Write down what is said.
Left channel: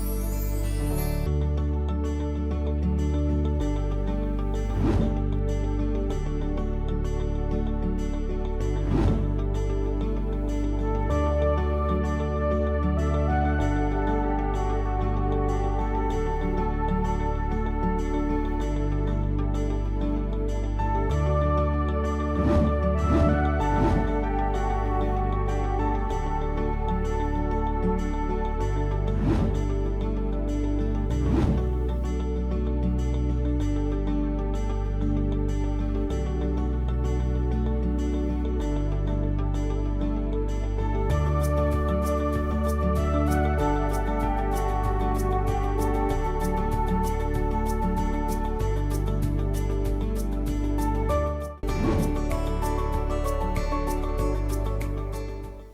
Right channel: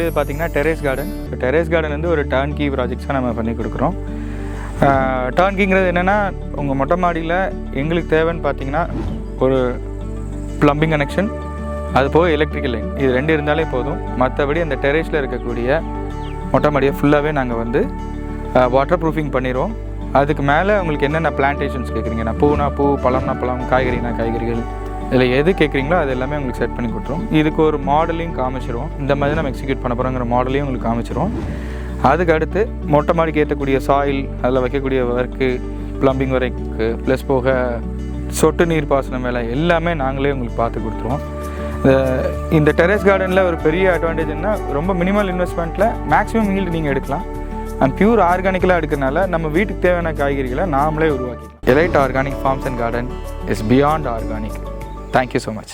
பார்க்கக்கூடியது பார்த்திங்கன்னா terrace garden. Terrace garden வந்து ஒரு டர்ன்கீ ப்ராஜெக்ட்ஸாக நம்ம பண்ணி கொடுக்குறோம். டர்ன்கீங்கிறது என்னென்னா, உங்கள் மொட்டை மாடியில் எங்களுக்கு தேவைன்னு பார்த்தீங்கன்னா ஒரு ப்ளம்பிங் கனெக்ஷன், அது போக எலக்ட்ரிக்கல் லைன், இது 2 இருந்தாலே போதும். மற்றபடி அந்த டெரேஸில் இருக்கக்கூடிய மொட்டை மாடியை ஃபுல்லாகவே நாங்கள் வந்து வாட்டர் ப்ரூஃபிங் பண்ணிடுவோம். அதுக்கு மேலே உங்களுக்கு என்னென்ன பிளான்டேஷன்ஸ் கேட்குறீங்கன்னா, பூனா பூ, பழம்னா பழம், காய்கறினா காய்கறிகள், இதில் எது கேட்குறீங்களோ அது எல்லாமே உங்களுக்கு செட் பண்ணி கொடுத்துருவோம். இதுக்கு ஒரு மாடலையும் காமிச்சிருவோம். இந்த மாதிரி நம்ம எக்ஸிக்யூட் பண்ண போகிறோங்கிற மாடலையும் உங்களுக்கு காமிச்சிருவோம். அதுக்கு அடுத்து மொட்டை மாடிக்கு ஏற்றக்கூடிய சாயில், அதில் வைக்கக்கூடிய ஒர்க்கு, ப்ளம்பிங் ஒர்க்கு, ப்ளஸ் போக சொட்டு நீர் பாசனம் வேலை எல்லாமே நாங்களே உங்களுக்கு பார்த்து கொடுத்துருவோம். இந்த டெரேஸ் கார்டனில் ஒரு பெரிய அட்வான்டேஜ்னா, ரொம்ப மினிமல் இன்வெஸ்ட்மெண்ட்டில் மேக்ஸிமம் ஈல்டு நீங்கள் எடுக்கலாம். அண்ட் பியூர் ஆர்கானிக்கலாக எடுக்கிறனால நம்ம வீட்டுக்கு தேவையான காய்கறிகளை நாமளே உருவாக்கி. Elite organic farms and garden is beyond organic. Thank you so much.